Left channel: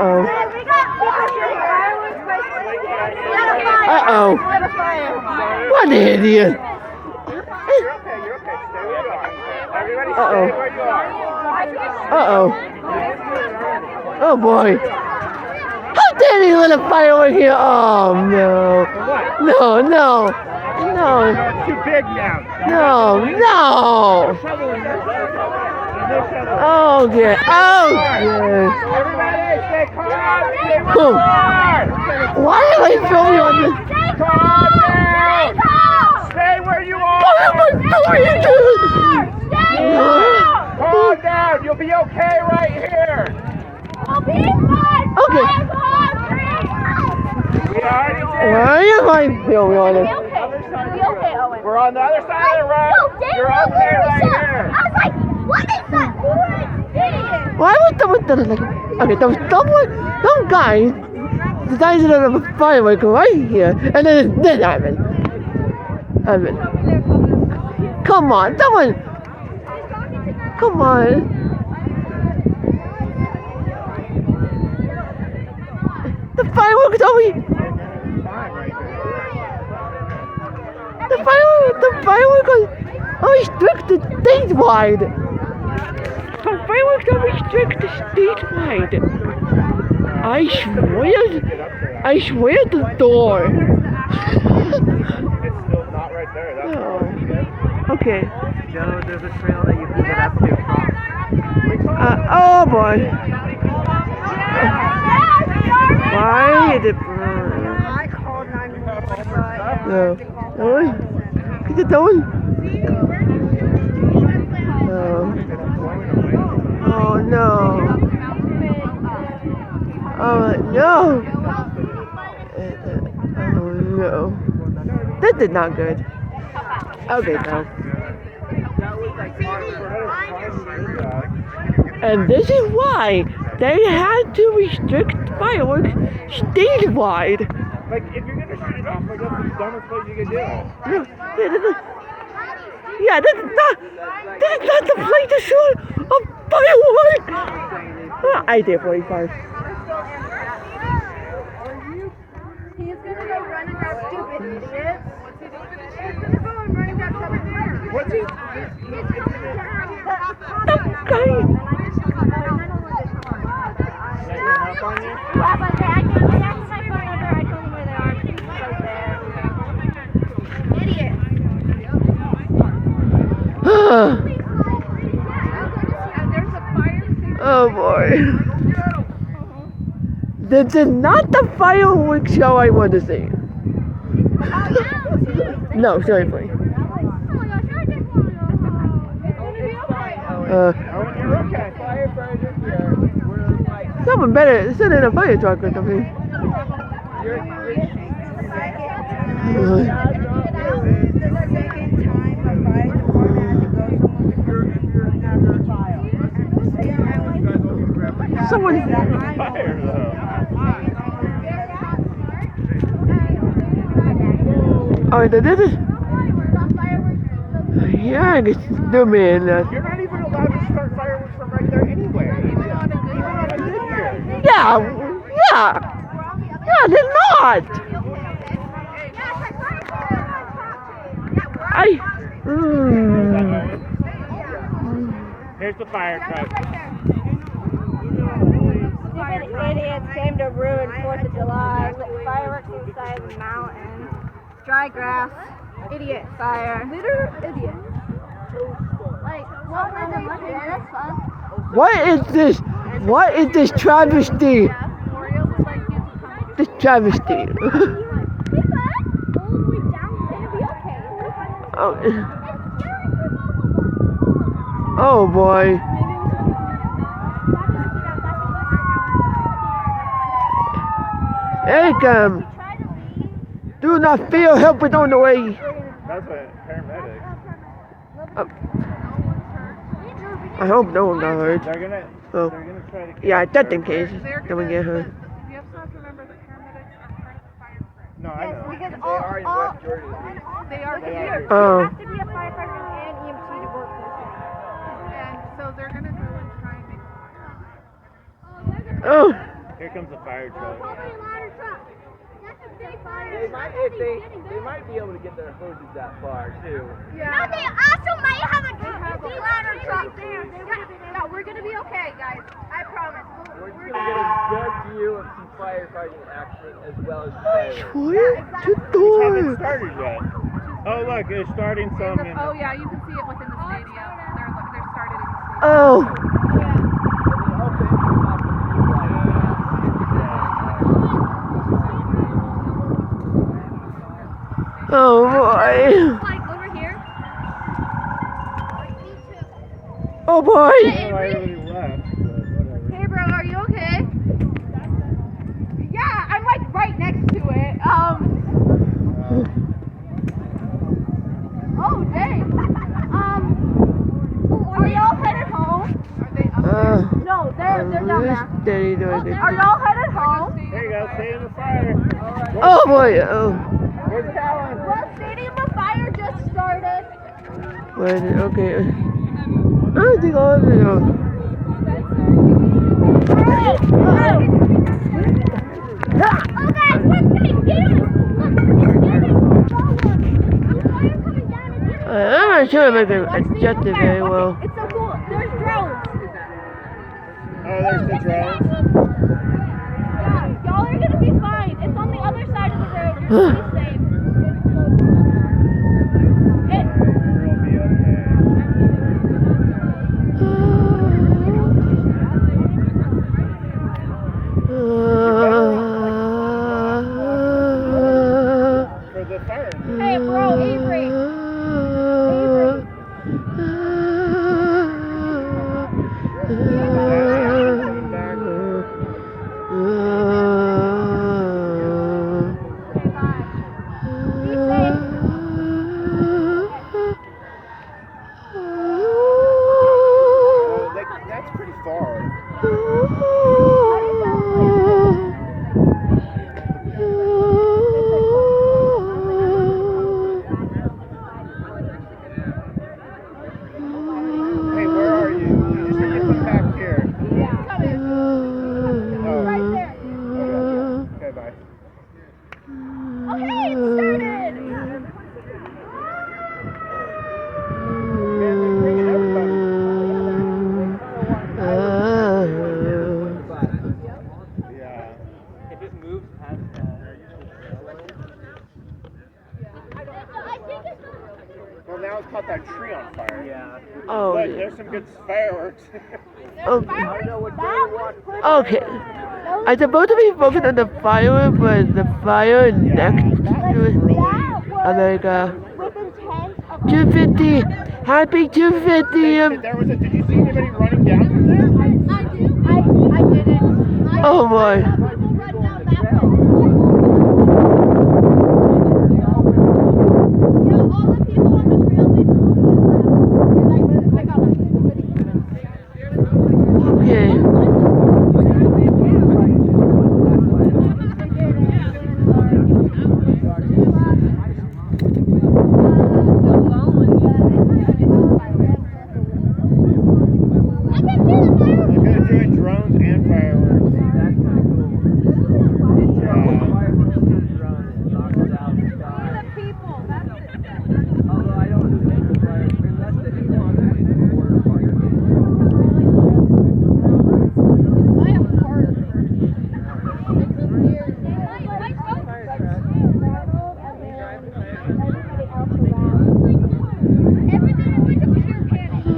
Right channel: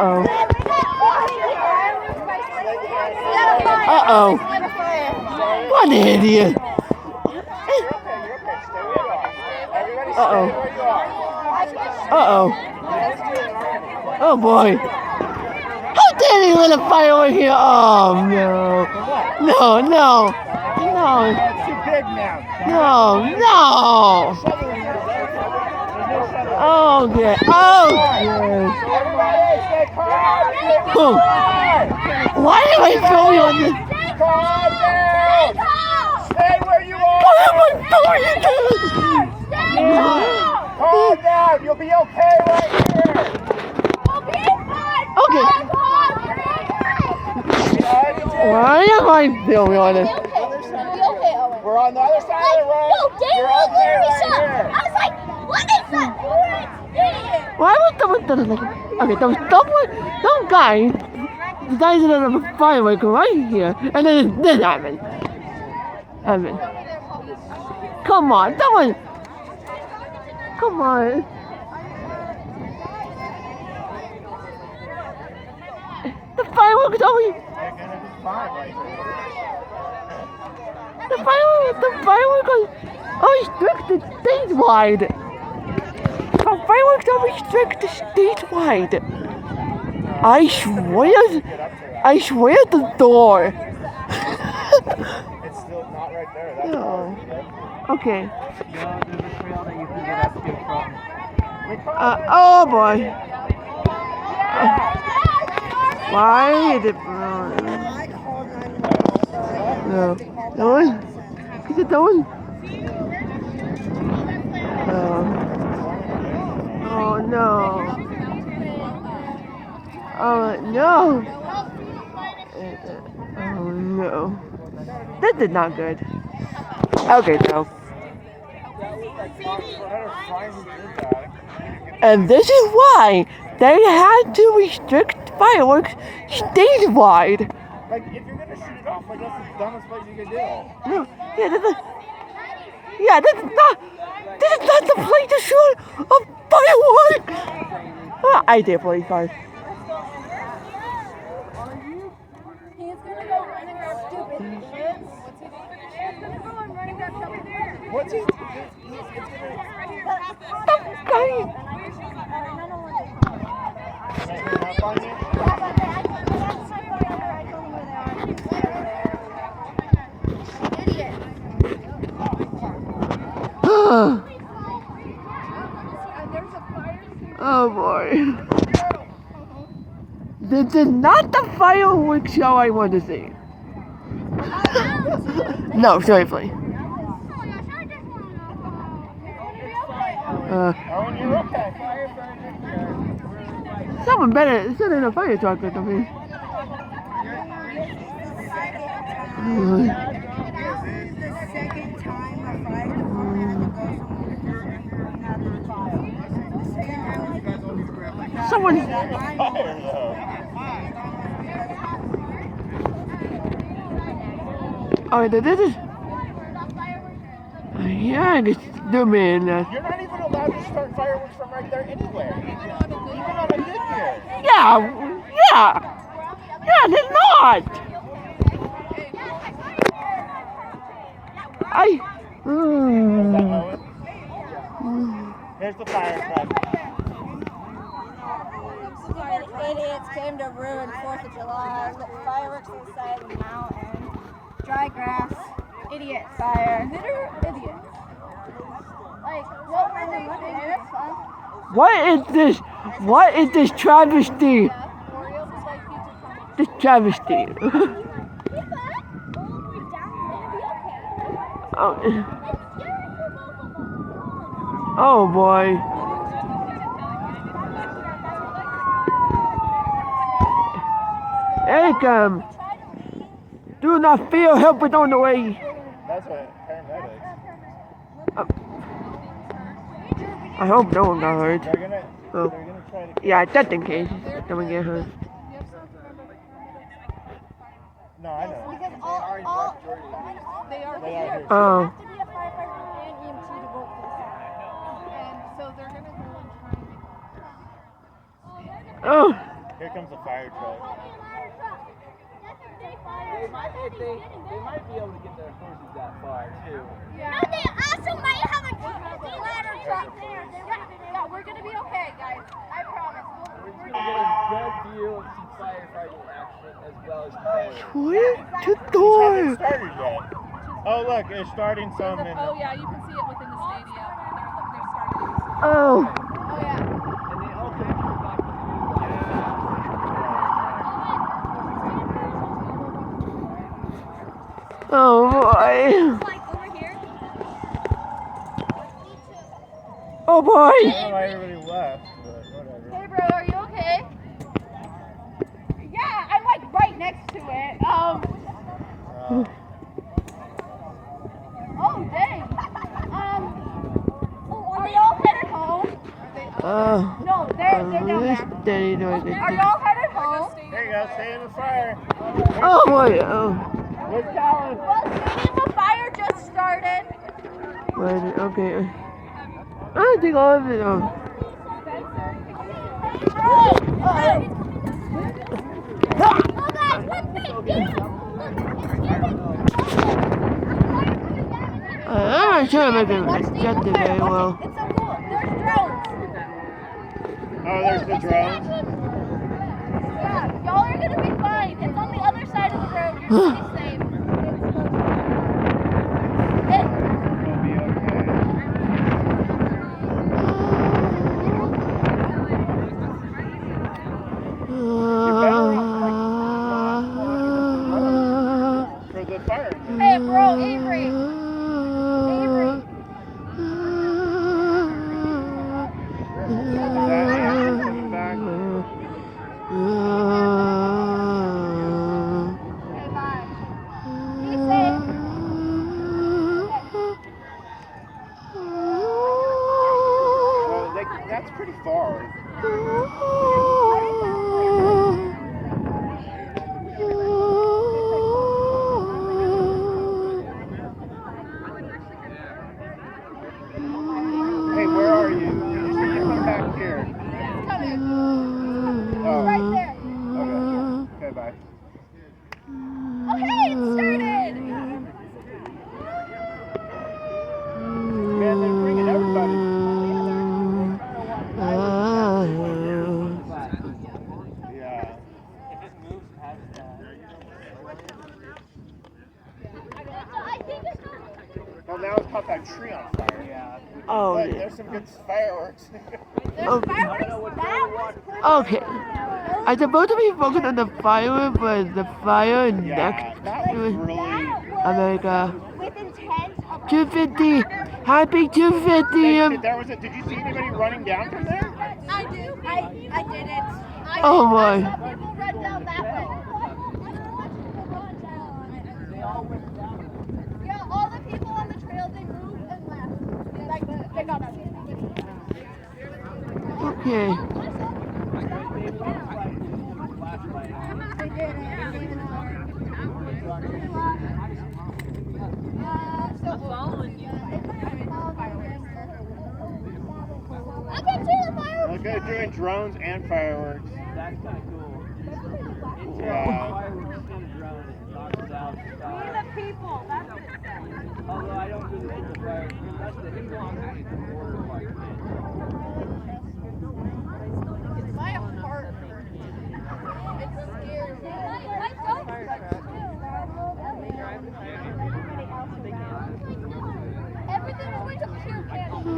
Uh-oh. Uh-oh. What an idiot. Uh-oh. Uh-oh. Oh, boy. How dare you let a firework here? Oh, no. No, no. No. It's too big now. No, no. Oh, dear. Oh, dear. Oh. Why am I filming on this? Calm down! Stay where you are! What am I doing? Calm down! You'll be okay right here! Okay. Why am I filming on this? We're on the other side of the road! You're okay right here! I was like, what is that orange thing? Why was someone okay, there was some guy decided to have a firework right here, and then this happened. Come on, someone. Come on. The fireworks over here. The fireworks are restricted statewide. The fireworks are restricted statewide. I swear the door. It's still not right there. That's No. Okay. No, there's a trail that you can get up to across. Oh boy. Why is it? I called 911. No. No one? Is it no one? Oh no. Oh no. Oh no. This is not good. Okay, now. And this is why they had to restrict fireworks statewide. like, if you're gonna shoot it off, like, that's the dumbest place you can do it. No, this is not the place to shoot a firework. I did 45. He's gonna go run and grab stupid idiots. He's gonna go and run and grab stupid idiots. What's he? That guy. Idiot. Oh boy. This is not the fireworks show I want to see. No, seriously. Someone better sit in a fire truck or something. Someone. Oh, this is. Yeah, I guess zoom in. You're not even allowed to start fireworks from right there anyway. Even on a good year. Yeah, they're not. Here's the fire truck. Stupid idiots came to ruin 4th of July. Lit fireworks inside the mountain. Dry grass. Idiot. Fire. Litter idiots. Like, well, random look at it. That's fun. What is this travesty? This travesty. Oh boy. Hey, come. Do not fear, help is on the way. That's what paramedics. I hope no one got hurt. They're gonna try to. Yeah, just in case. Then we get hurt. No, I know. Because They are in West Jordan. they are here. Oh. You have to be a firefighter and EMT to work this. And so they're going to go and try and make Oh. Here comes the fire truck. They might, they might be able to get their hoses that far too. Yeah. No, they also might have a ladder truck there. Yeah, we're gonna be okay, guys. I promise. We're just gonna get a good view of some firefighting action as well as fireworks. Where to Haven't door? started yet. Oh look, it's starting some in. Oh yeah, you can see it within the stadium. They're started in the stadium. Oh. Oh yeah. And they also interlock the blue lights. Oh boy. Like over here. Oh boy. I don't know why everybody left, but whatever. Hey bro, are you okay? Yeah, I'm like right next to it. Oh dang. Are y'all headed home? No, they're down there. Steady doing Are it. y'all headed home? There you go, stay in the fire. Oh boy. Oh. Where's Callan? Well, Stadium of Fire just started. Where is it? Okay. I don't think all of it. Oh. Oh guys, one thing, get him! I'm not sure if I can adjust it very well. It's so cool. There's drones. Oh, there's the drones. Yeah, y'all are gonna be fine. It's on the other side of the road. You're gonna be safe. We'll be okay. For the fire. Hey, bro, Avery. Avery. Coming back. Okay, bye. Be safe. Oh, that's pretty far. Hey, where are you? You just need to come back here. It's coming. Oh. Right there. Okay, bye. Oh, hey, it started. Man, they're bringing everybody. Yeah. If it moves past Well, now it's caught that tree on fire. yeah. Oh, But yeah. there's some good fireworks. Okay. Fireworks, that was perfect. Okay. I'm supposed to be focused on the firework, but the fire next that to was really. That was America. with intent of 250. Happy 250. There was a. Did you see anybody running down through there? I do. I didn't. Oh boy. I saw people run down that way. Yeah, all the people on the trail, they moved and left. They got us. Okay. I can see the fireworks. They're good doing drones and fireworks. That's kind of cool. Yeah. Fireworks and drone and knocks it out the sky. Although I don't really think the fire, unless the water fire. My heart. It's scared. Everybody else around. Everything is going to pure panic. I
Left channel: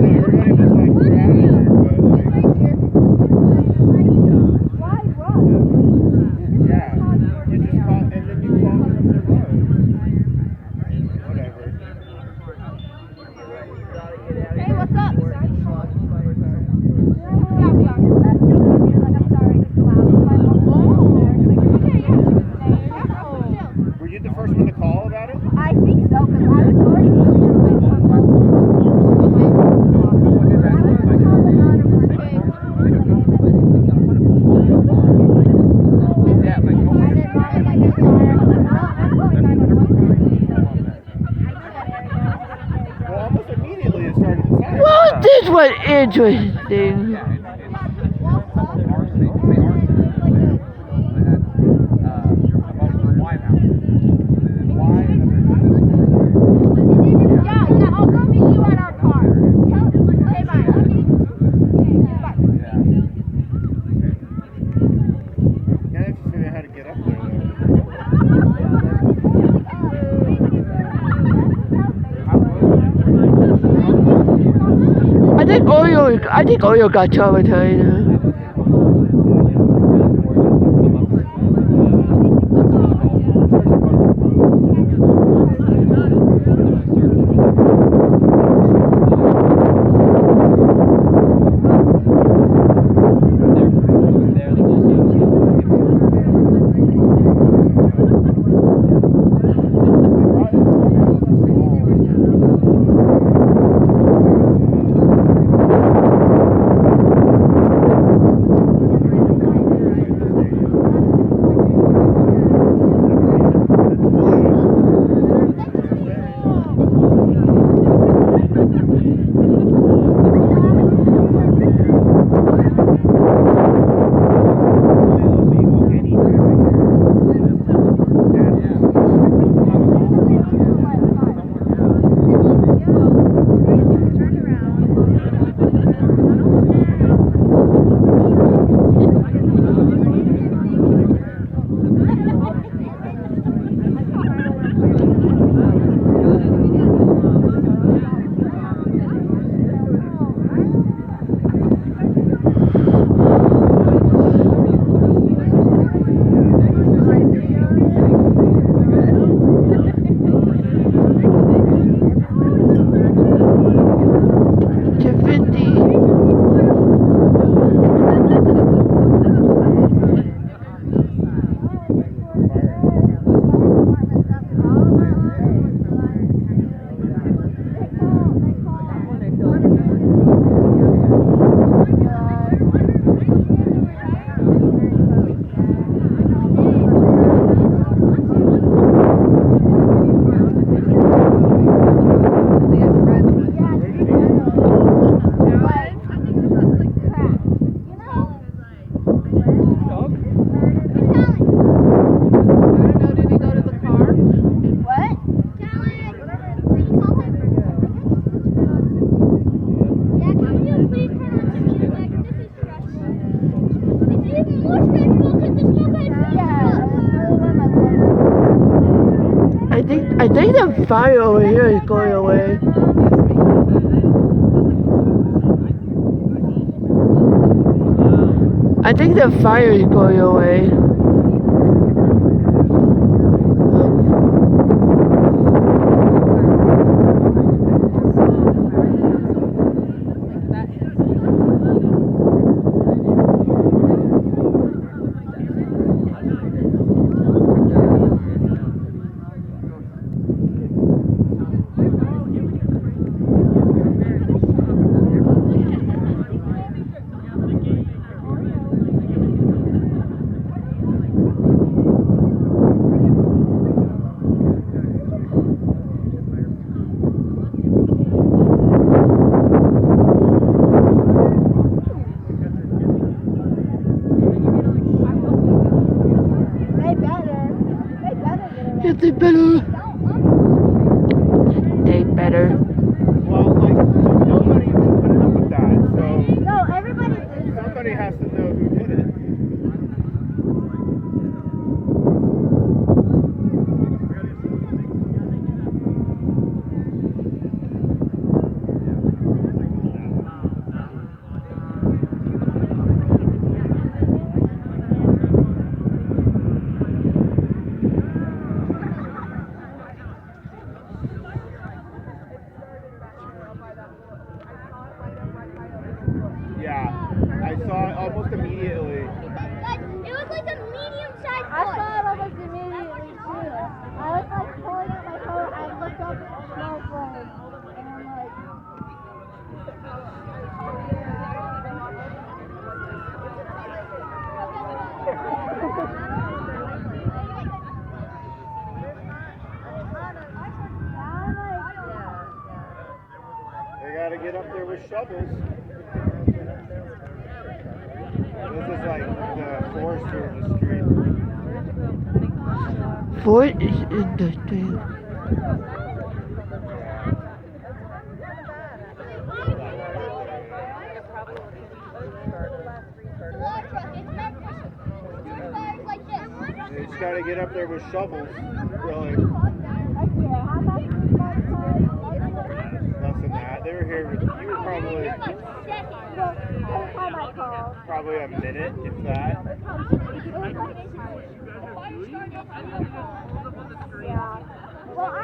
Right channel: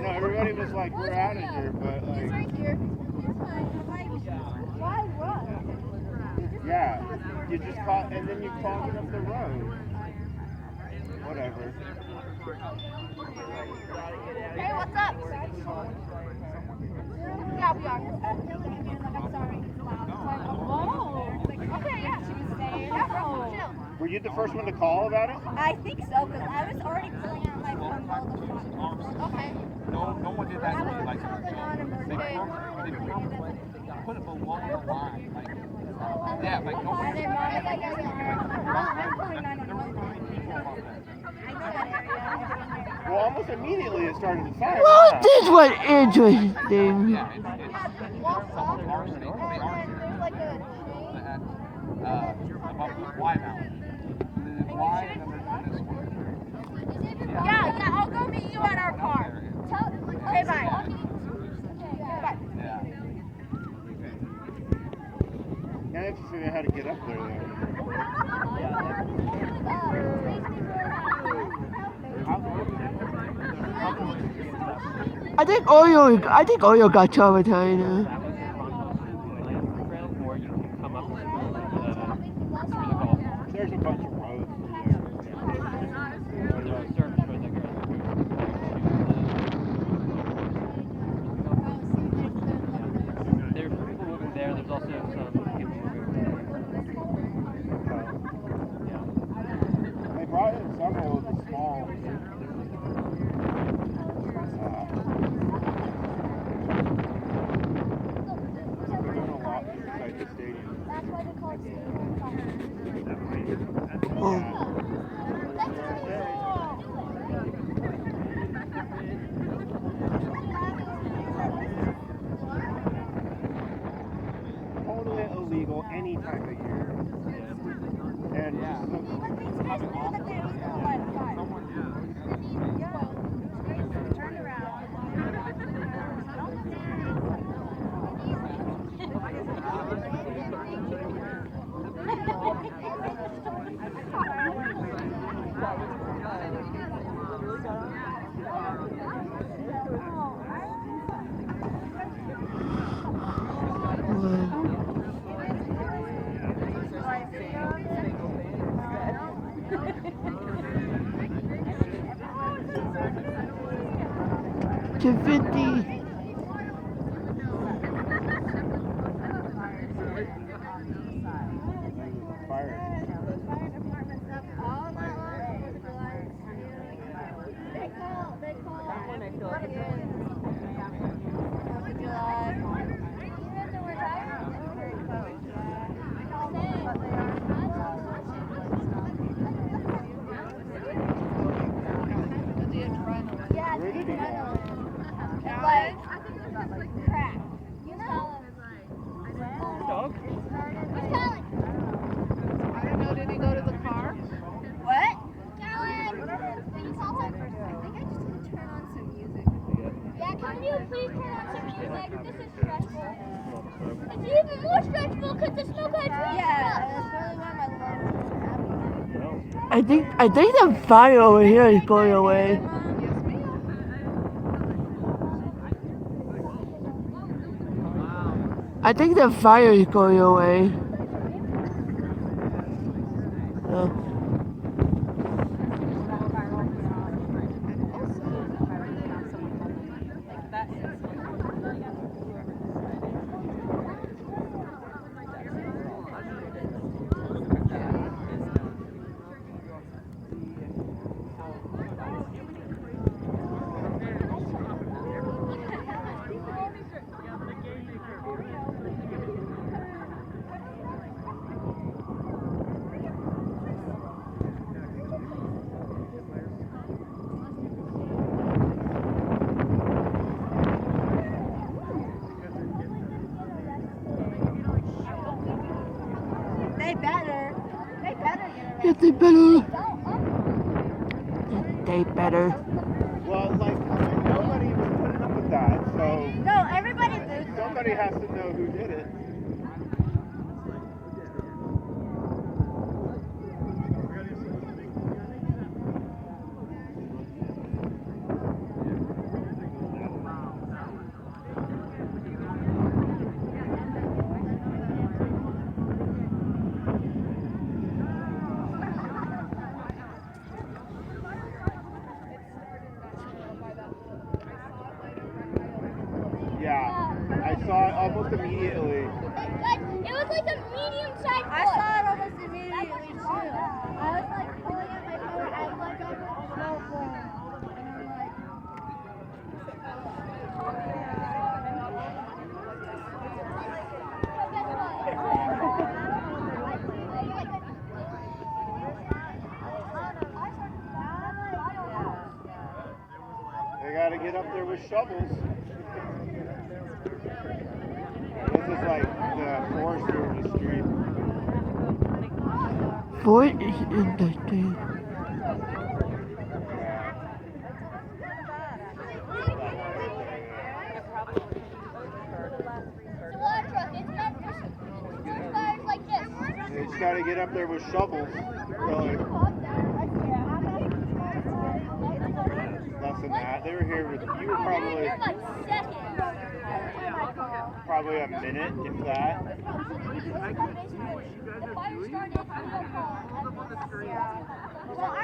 know everybody was like drowning there, but It's like, right here. Why run? yeah. You just caught, and then you clogged up the road. Whatever. Hey, what's up? Yeah, we are. I'm sorry, it's loud. Okay, yeah. Yeah, bro, chill. Were you the first one to call about it? I think so, because I was already pulling out my phone while the okay. I was calling on a birthday. And then mom was like, "Yes, you are." I was like, "Well, I'm calling 911 then." I know that area. Well, almost immediately it started to fire. Well, this was interesting. Yeah, well, I think Oreo got traumatized. I think the fire over here is going away. I think the fire is going away. Yes, they better. They better. Well, like, nobody put up with that, so No, everybody did. somebody has to know who did it. Yeah, I saw it almost immediately. It was like a medium-sized I saw it almost immediately too. I was like pulling out my phone, I looked up at the smoke ring, and I'm like, They gotta get up there with shovels. This is like the forester in the street. Fort is in the street. It's a water truck. It's meant for fires like this. They just gotta get up there with shovels. Really. Less than that. They were here with you were probably Like seconds. Probably a minute, if that. It was like basically, the fire started, real calm, and then that's Yeah. Well, I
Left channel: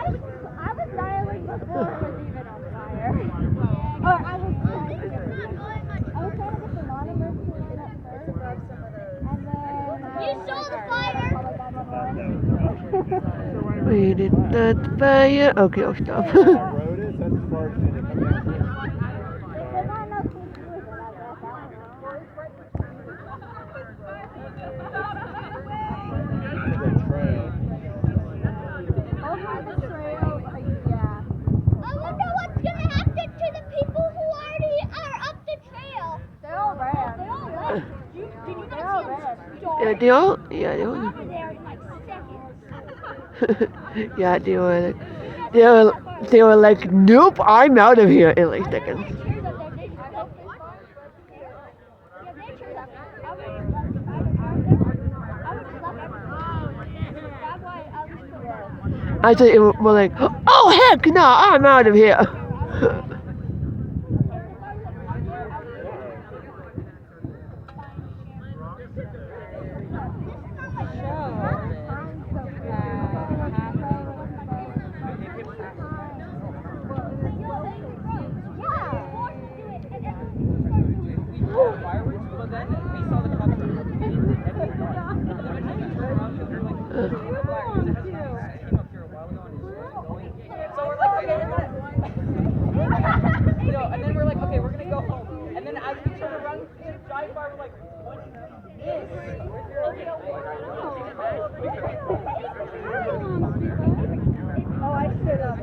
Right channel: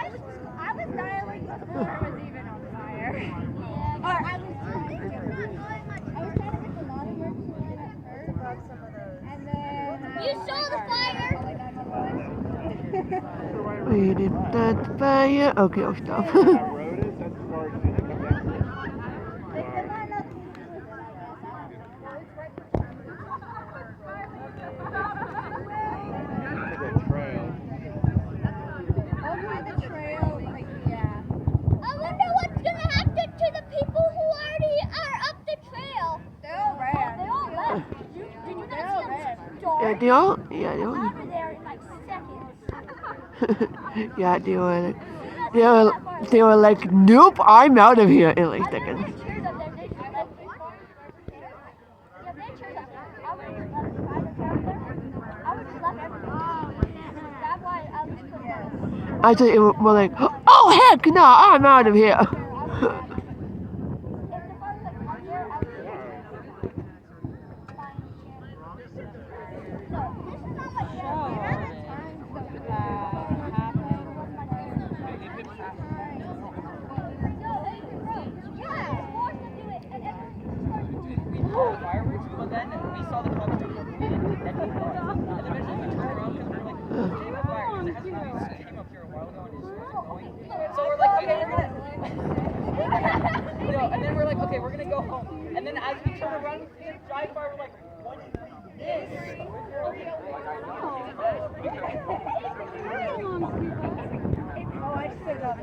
was dialing before it was even on fire. Yeah. Or I was trying to get the non-emergency line at first, and then You saw the fire? called like 911. We did that fire. Okay, I'll stop. That road is, that's as far as you can come down here. There might nothing to do with it, I guess. I don't know. To the trail. Over the trail, like, yeah. I wonder what's gonna happen to the people who already are up the trail. They all ran. They all left. Did you They not all see ran. them Yeah, start they all. out of there in like seconds? Yeah, they were like, nope, I'm out of here in like I seconds. left my chairs up there. They left me. Yeah, they had chairs up there. I would have just left if I was out there. I would just left everything. That's why I was I thought it was more like, oh heck no, I'm out of here. Fireworks, but then we saw the cops and eventually we turned around and we were like, "There's a fire," because it hasn't been came up here a while ago and it just wasn't going. So we're like, okay, we're gonna and then we're like, okay, we're gonna go home. And then as we turn around, we see a dry fire, we're like, what is this? Oh, I stood up.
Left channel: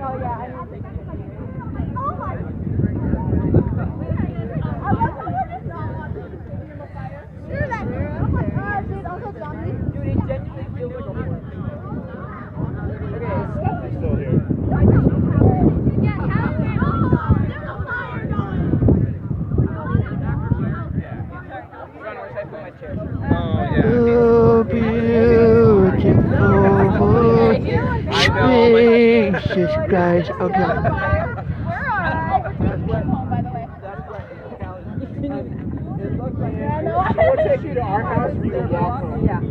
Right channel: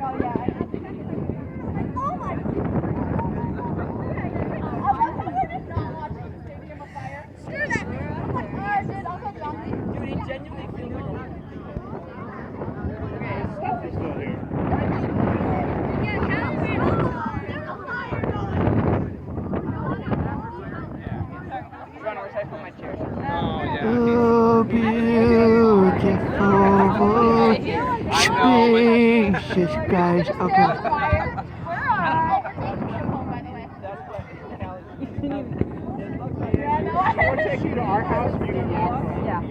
Oh yeah, I know. Oh my! I love how we're just not watching the stadium afire. Screw that! Oh my god, dude, Uncle Johnny. Dude, it genuinely feels like a horror. Okay, it's still here. Yeah, California. Run, I wish I put my chair. Oh, beautiful spacious guys. Okay. We're home, by the way. That's what it looks like. Yeah, no, We'll take you to our house and you can walk home. Yeah.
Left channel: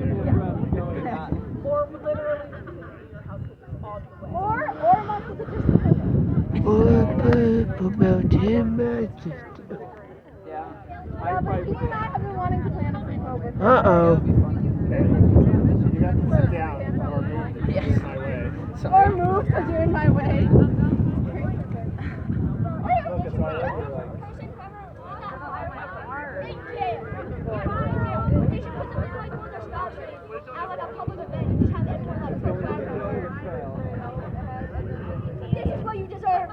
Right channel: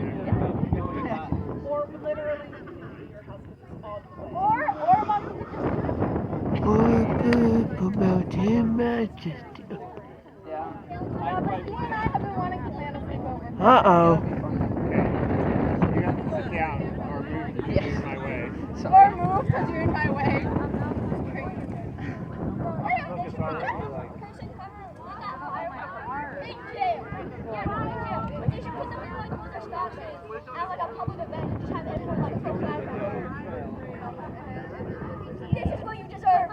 Or literally your house is all the way. Or mom could just. Oh, mountain majesty. Yeah. Yeah, but he and I have been wanting to plan a sleepover. Uh-oh. Okay. You have to sit down or move to get in my way. Or move because you're in my way. Look, it's already like. Person cover with that firework. Big jail. Yeah, big jail. They should put them in like one of their stop signs at like a public event and just have everyone like throw fireworks. This is what you deserve.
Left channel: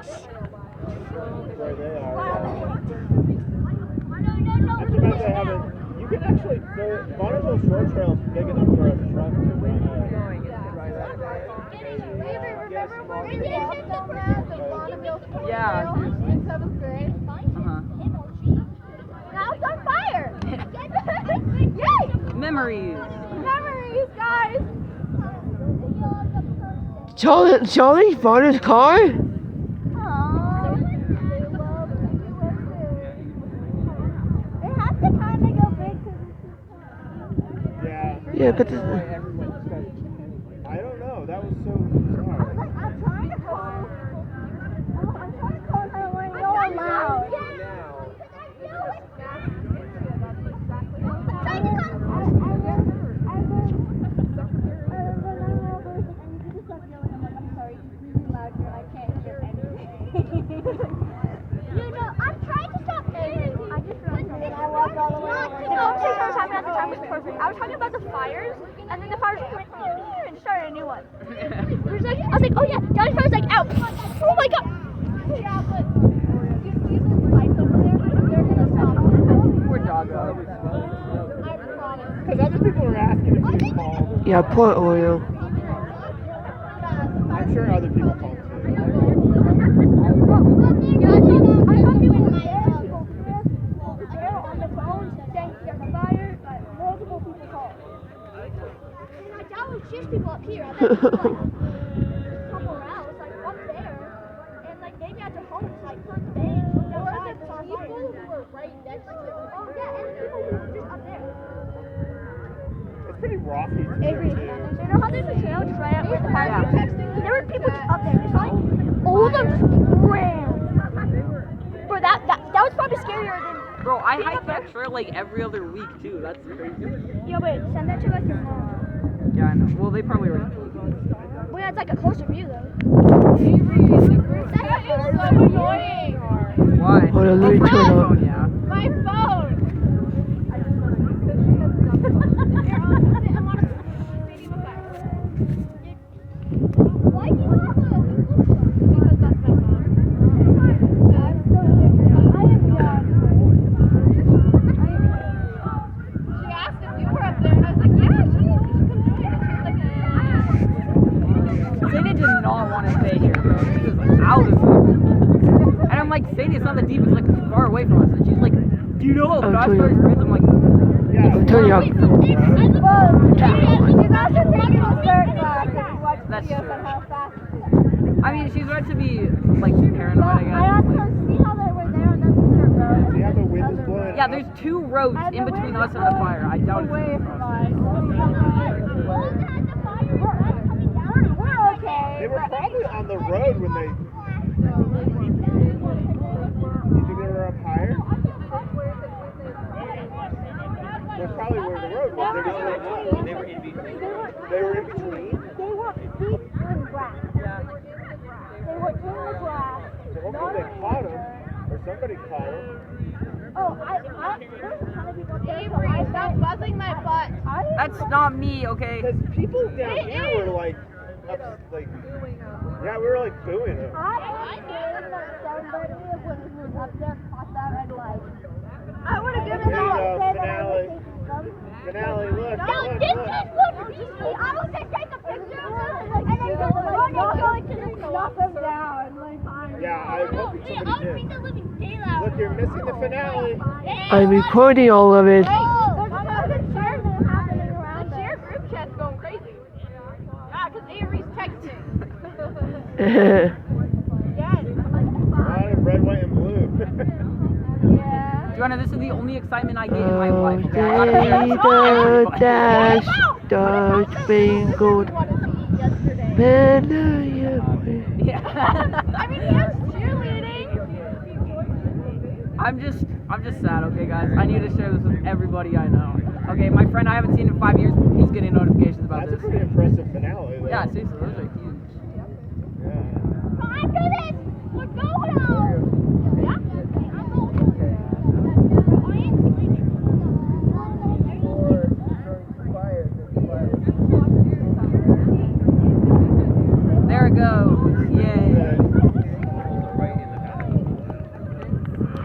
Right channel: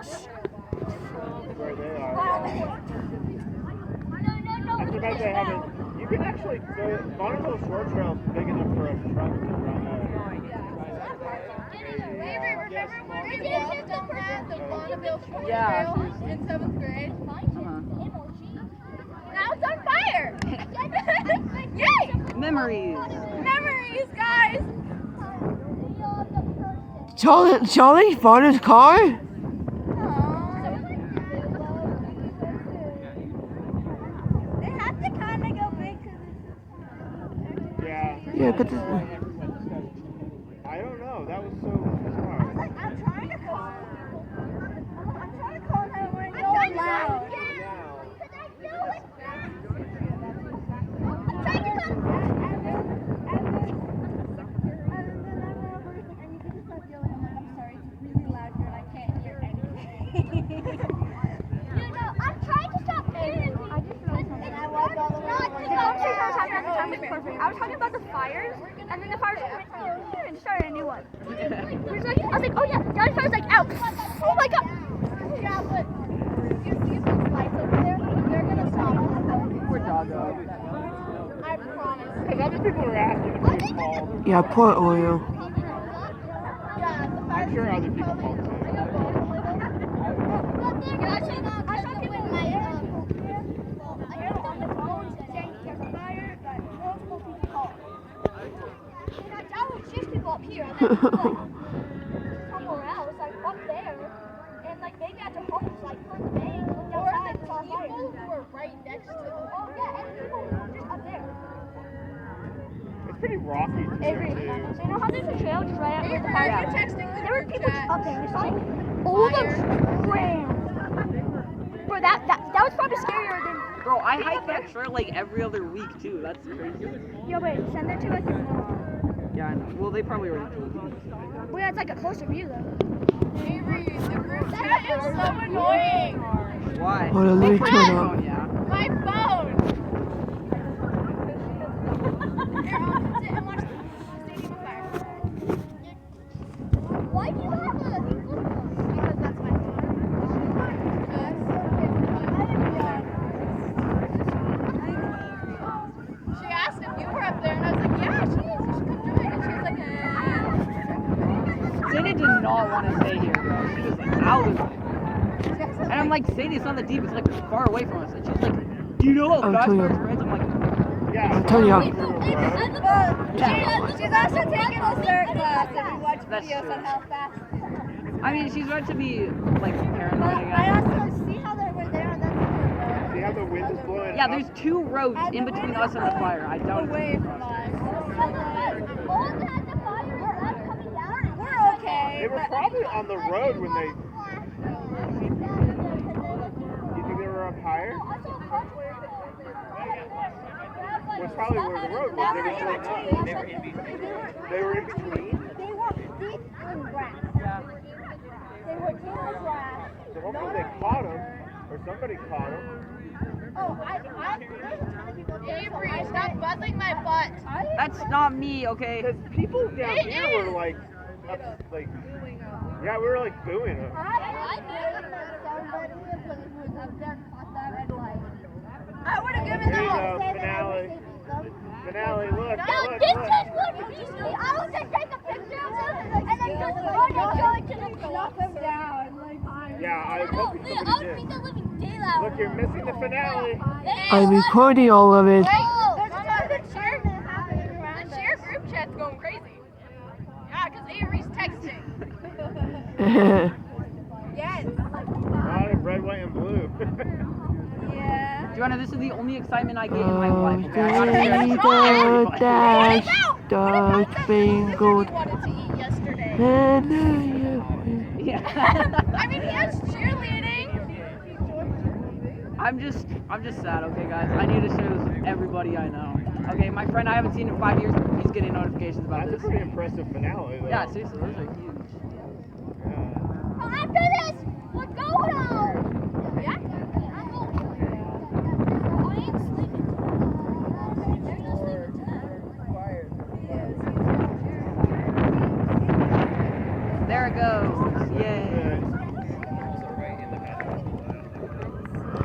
Where they are. Wow. No. I forgot they have it. You can actually go. Bonneville Shore Trail is big enough for a truck to run a. Remember when we walked down that, the Bonneville Shore Trail in 7th grade? Now it's on fire! Yay! Memories. Memories, guys! Charlie found his car? They have to kind of go big because it's Yeah. Yeah, but this, I don't know. That was so I was bizarre. like, I'm trying to call and I want to yell loud. I was talking about the fires, and then the fires went and started a new one. I was like, oh yeah, the other fire was like, out. Oh my god. Yeah, but you see those lights over there? They're gonna stop. Poor doggo. I promise. Because other people were asking if you called. yeah, poor oil. Yeah, the I'm sure other people called too. I saw people in my on the phone saying there's a fire, but multiple people called. And I would chase people up here, and then people like somewhere else, like up there, and like maybe at their homes, like front day, looked outside, saw a fire. Who were right next to them. Oh yeah, and people who were just up there. It's pretty rocky too. Avery, you know how there's a trail just right up there? Are you texting? There were people up there, just like all the ram. Bro, that was probably scarier than. Bro, I hike that trail like every other week too. That's crazy. Yo, wait, send that to like your mom. Yeah, I know. Well, they probably already. Well, yeah, it's like a closer view though. Avery, the group chat is so annoying. Why? Hold on, let me turn Oh, up. yeah. My phone. Here, I'll sit and watch the Stadium of Fire. Why do you have a? Because that's my phone. That's so different. I am done. She asked if you were up there, and I was like, yeah, she is. You should come join. And she was like, Sadie did not want to stay here. She was out of it. And I'm like, Sadie, it's not that deep. It's like far away from us. And she's like, do you know how fast fire spreads? I'm like, Yeah. I'm turning up. she's also taking a CERT class if you watch That's videos true. on how fast. I mean, she's right to be like paranoid, But I I guess. also see how they were there, and that's the road. See how the wind is blowing? Yeah, there's two roads And in the between wind us is and the blowing fire. I doubt away it. from us. We're okay. They were probably on the road when they. You think they were up higher? That's probably where the road was. They were in between. They were in between. They were deep in grass. They were in the grass. So hopefully they caught him, or somebody caught him. Oh, there's a ton of people there. Avery, stop buzzing my butt. That's not me, okay? Because people down here were like, yeah, we were like booing it. I think that somebody who was up there caught them and like. I would have given There you them go, a say that I finale. was taking them. Finale, look, No, look, this look. kid would be. I was gonna take a picture of them and then just run and go into the knock them down. Like, Yeah, I hope somebody did. the living daylight. Look, you're missing the finale. I'm recording all of it. There's a ton of enchantment happening around The share group chat's going crazy. Yeah, because Avery's texting. Yes. Lot of red, white, and blue. Yeah. Joanna, this is the only excitement I get in my Oh, life, okay? I wanna be the dash, What the spangled we wanted to eat yesterday? banner. Yeah. I mean, he has cheerleading. I'm just sad, okay, guys. I need to share this with everybody I know. Okay, my friend I haven't seen in 5 years, he's getting notifications about That's a this. pretty impressive finale, though. Yeah, seriously, those are huge. Yeah. After this, we're going home. Yeah. I'm going home. I ain't sleeping. There it goes. Yay.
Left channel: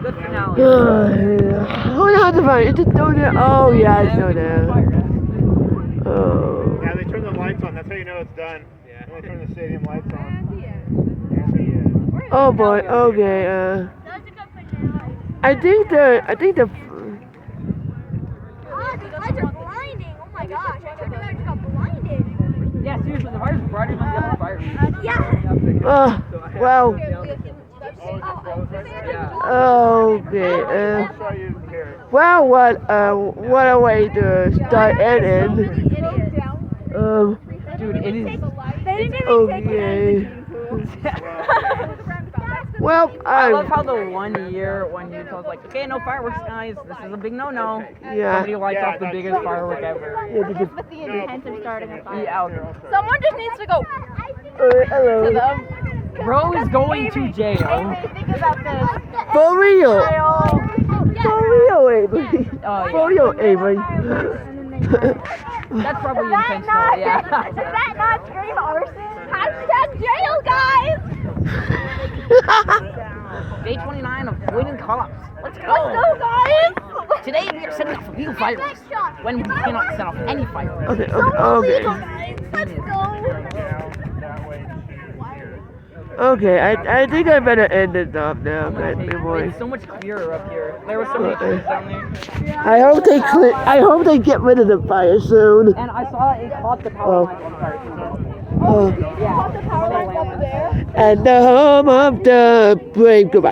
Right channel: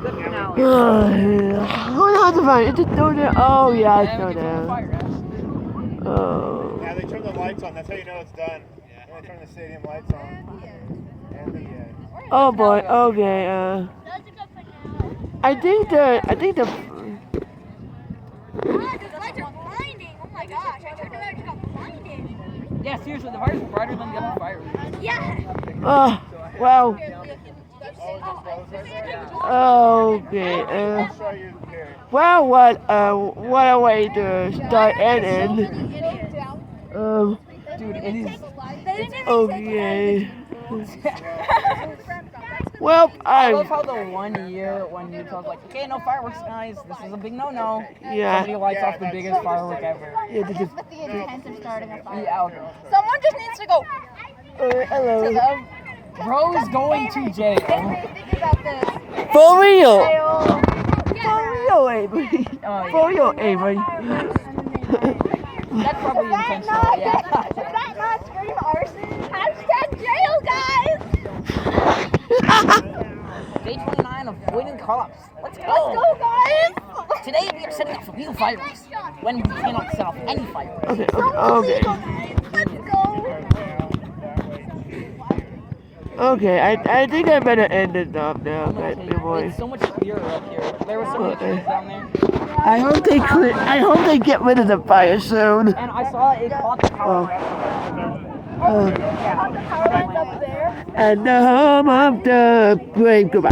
Good finale. Oh, how to find it? Just know that. Oh, yeah, I And know we get to the fire, that. guys. Oh. Yeah, they turn the lights on. That's how you know it's done. When they turn the stadium lights on. And the end. Oh boy. Okay. That's a good finale. I think the. Oh, the lights are blinding. Oh my gosh, I turned around and just got blinded. Yeah, seriously, the fire's brighter than the other fire. Yeah. Well. Oh, Okay. I'll show you here. Well, what a way to start and end. Dude, it is. Okay. Well, I love how the 1 year when Utah's like, okay, no fireworks, guys. This is a big no-no. Yeah. Somebody lights Yeah, off the that's biggest true. firework ever. Yeah, With the intent of starting a fire. Yeah, okay. Someone just needs to go. hello. Bro is going to jail. Think about this. For real. For real, Avery. Oh, For real, Avery. That's probably intentional, yeah. Does that not scream arson? Hashtag jail, guys! Day 29 of avoiding cops. Let's go. Let's go, guys! Today we are setting off illegal fireworks when we cannot set off any fireworks. Okay. Let's go! Okay, I think I better end it off now, I'm gonna but take it. boy. It's so much clearer up here. There was so many trees down there. I hope they get rid of the fire soon. And I saw it caught the power line on fire. Uh, Caught the power lines up there. and the home of the brave. Goodbye.